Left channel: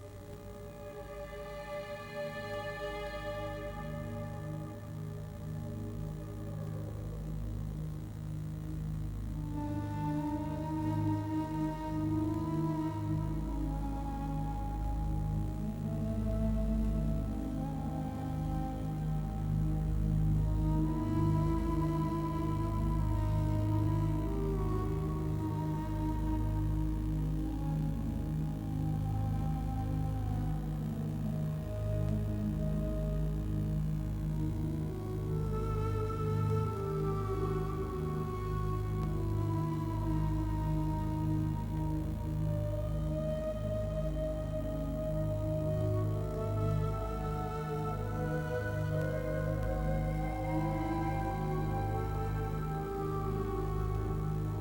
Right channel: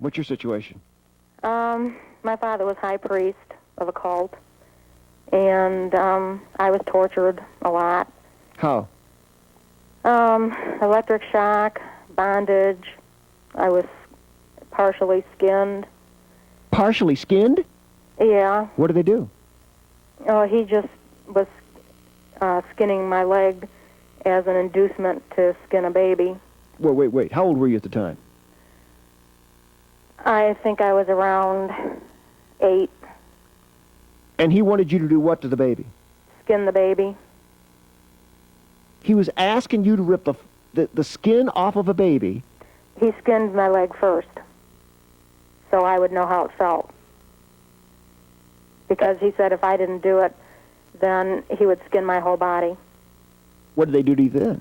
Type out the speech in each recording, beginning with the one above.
What's your situation? My father was high priest of a cult, and I was tortured a lot. How? Electric shock, bondage. I was partially skinned. Partially skinned? Yeah. What do they do? Oh, he just was skinning my leg as an inducement to skin a baby. Well, wait. How old were you at the time? I think I was around 8. And he wanted you to do what to the baby? Skin the baby. He was asking you to rip the skin off of a baby. He skinned my leg first, so I would know how it felt. Because he said if I didn't do it, then he would skin my whole body. What did they do to you then?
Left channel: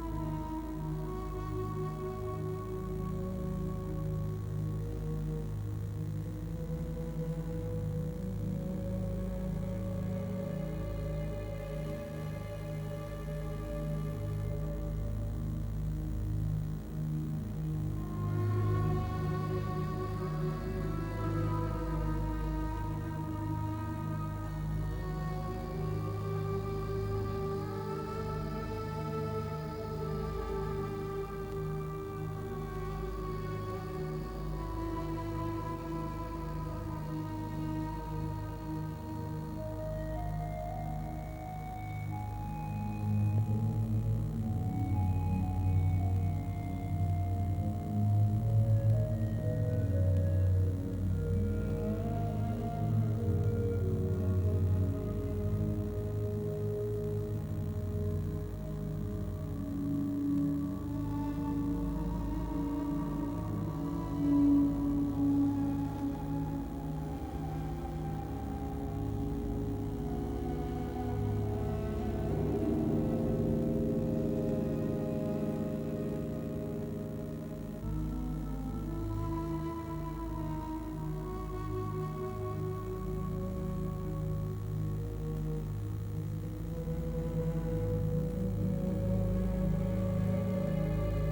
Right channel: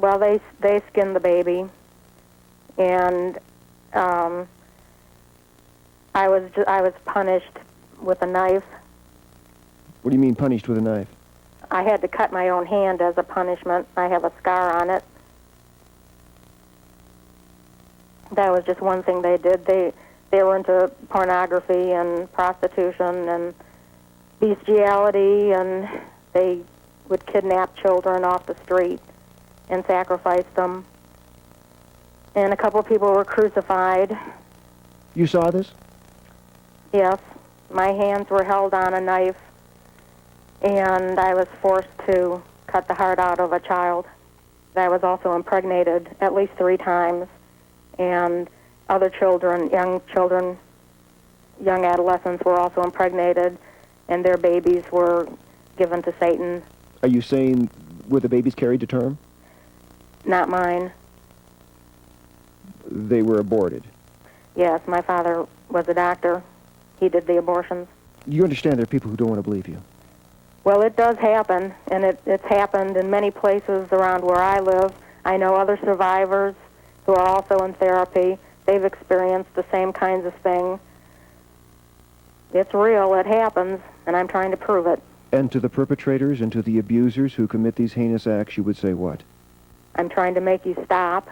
Well, they skinned the baby, and I was punished with a knife. What do you mean punished with a knife? I had to cut my own hand as a punishment. I have a scar on it. That was just one thing they did. They were into pornography and prostitution and bestiality, and they would kidnap children off the street and sacrifice them. And a couple of people were crucified. You saw this? Yes. My hands were held on a knife, and I was forced to cut the heart out of a child. I was also impregnated at least 3 times, and other children, young adolescents were also impregnated, and their babies were given to Satan. Are you saying were the babies carried to term? Not mine. They were aborted. Yes, my father was a doctor. He did the abortions. You understand there are people who don't want to believe you. Well, it does happen, and it's happened in many places around where I live. I know other survivors who are also in therapy. They've experienced the same kinds of things. It's real, it happens, and I'm trying to prove it. And to the perpetrators and to the abusers who commit these heinous acts, you would say what? I'm trying to make you stop,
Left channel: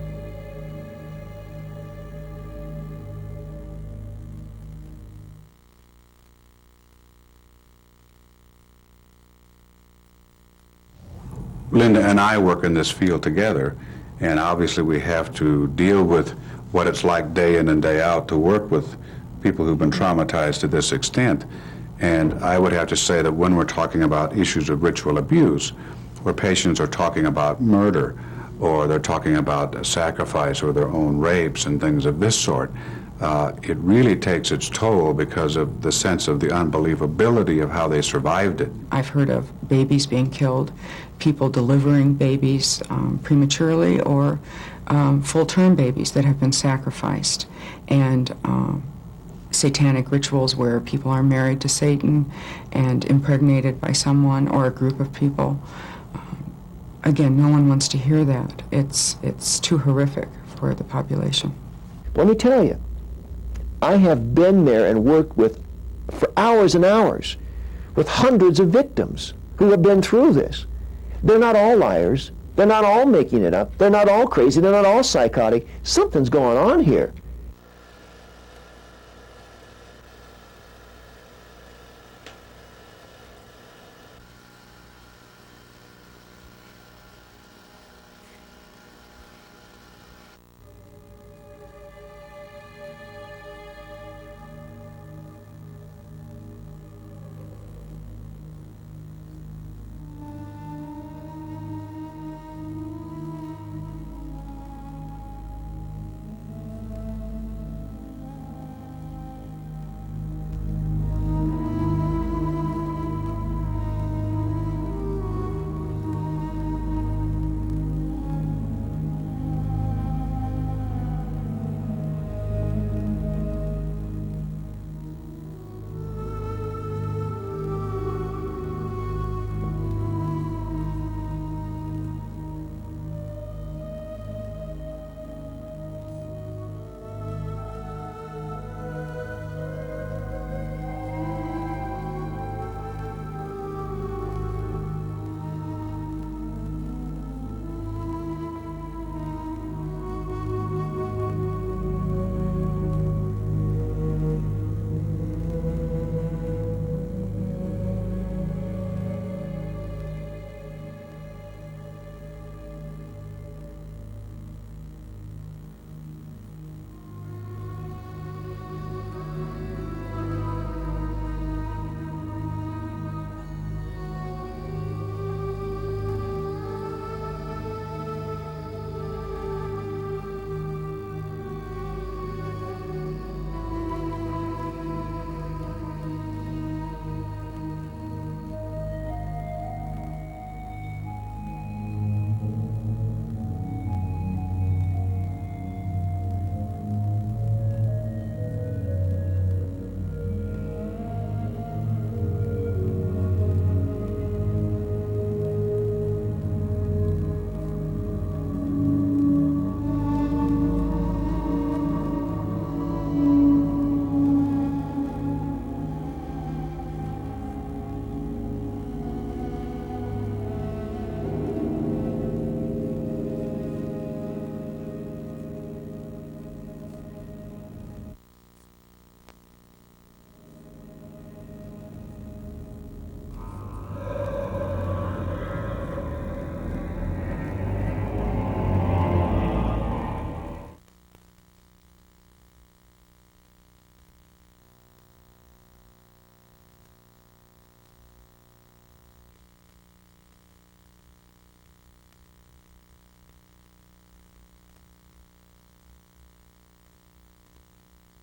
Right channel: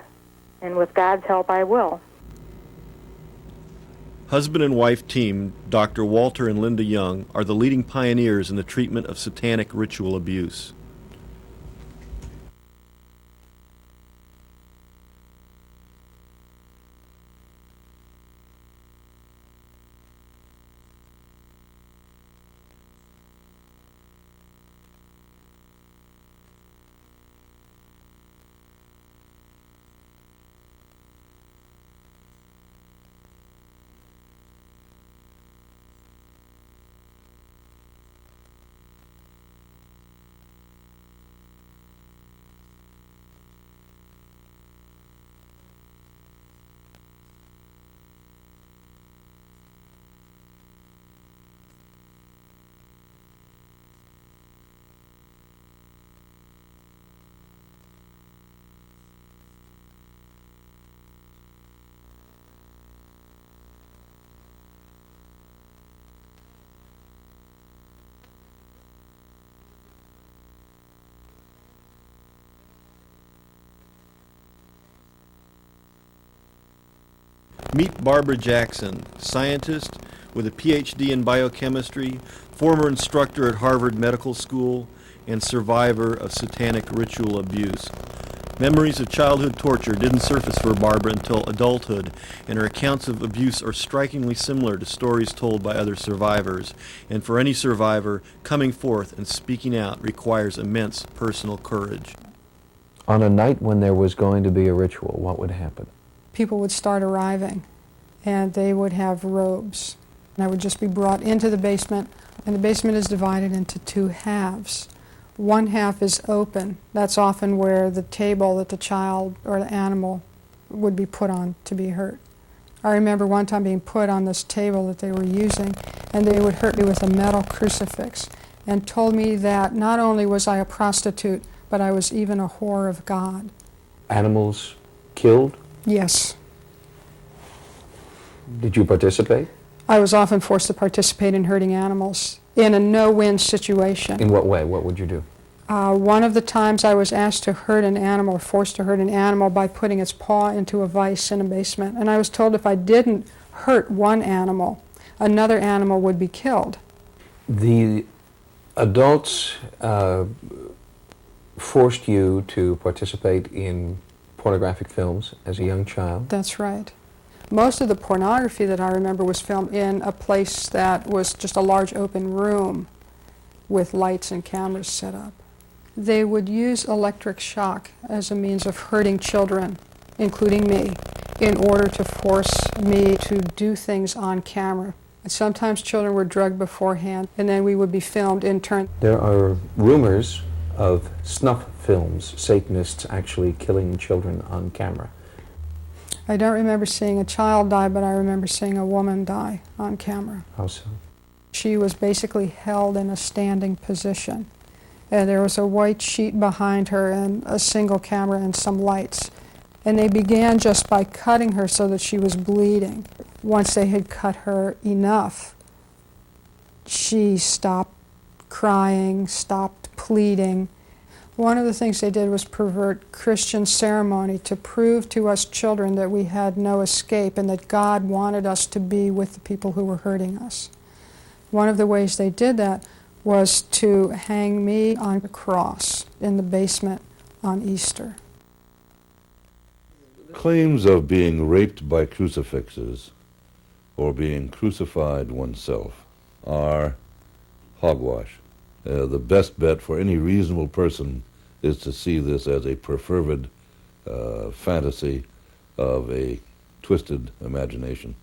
and with God's help, I will. Husband and wife team, Dr. Walter and Linda Young, are the leading pioneers in the treatment of satanic ritual abuse. Linda and I work in this field together, and obviously we have to deal with what it's like day in and day out to work with people who've been traumatized to this extent. And I would have to say that when we're talking about issues of ritual abuse, where patients are talking about murder, or they're talking about sacrifice or their own rapes and things of this sort, it really takes its toll because of the sense of the unbelievability of how they survived it. I've heard of babies being killed, people delivering babies prematurely, or full-term babies that have been sacrificed, and satanic rituals where people are married to Satan and impregnated by someone or a group of people. Again, no one wants to hear that. It's too horrific for the population. Let me tell you, I have been there and worked with, for hours and hours, with hundreds of victims who have been through this. They're not all liars. They're not all making it up. They're not all crazy. They're not all psychotic. Something's going on here. Meet Barbara Jackson, scientist with a PhD in biochemistry, former instructor at Harvard Medical School, and survivor of satanic ritual abuse. Memories of childhood torture didn't surface for Barbara until adulthood, and her accounts of abuse are strikingly similar to stories told by other survivors. And for any survivor, coming forth and speaking out requires immense personal courage. On a night when there was going to be a ritual, what would happen? People would start arriving, and they would have robes. And I would just be brought into the basement, and the basement is divided into 2 halves. One half is open. That's often where the table that the child or the animal would be put on to be hurt. I remember one time being put on this table that they were using, and they would hurt me with a metal crucifix and told me that not only was I a prostitute, but I was even a whore of God. Animals killed? Yes. Did you participate? I was often forced to participate in hurting animals in a no-win situation. In what way? What would you do? One of the times I was asked to hurt an animal, forced to hurt an animal by putting its paw into a vise in a basement, and I was told if I didn't hurt one animal, another animal would be killed. The adults forced you to participate in pornographic films as a young child? That's right. Most of the pornography that I remember was filmed in a place that was just a large open room with lights and cameras set up. They would use electric shock as a means of hurting children, including me, in order to force me to do things on camera. And sometimes children were drugged beforehand, and then we would be filmed in turn. There are rumors of snuff films, Satanists actually killing children on camera. I don't remember seeing a child die, but I remember seeing a woman die on camera. How so? She was basically held in a standing position. And there was a white sheet behind her and a single camera and some lights. And they began just by cutting her so that she was bleeding. Once they had cut her enough, she stopped crying, stopped pleading. One of the things they did was pervert Christian ceremony to prove to us children that we had no escape and that God wanted us to be with the people who were hurting us. One of the ways they did that was to hang me on a cross in the basement on Easter. Claims of being raped by crucifixes or being crucified oneself are hogwash. The best bet for any reasonable person is to see this as a perfervid fantasy of a twisted imagination.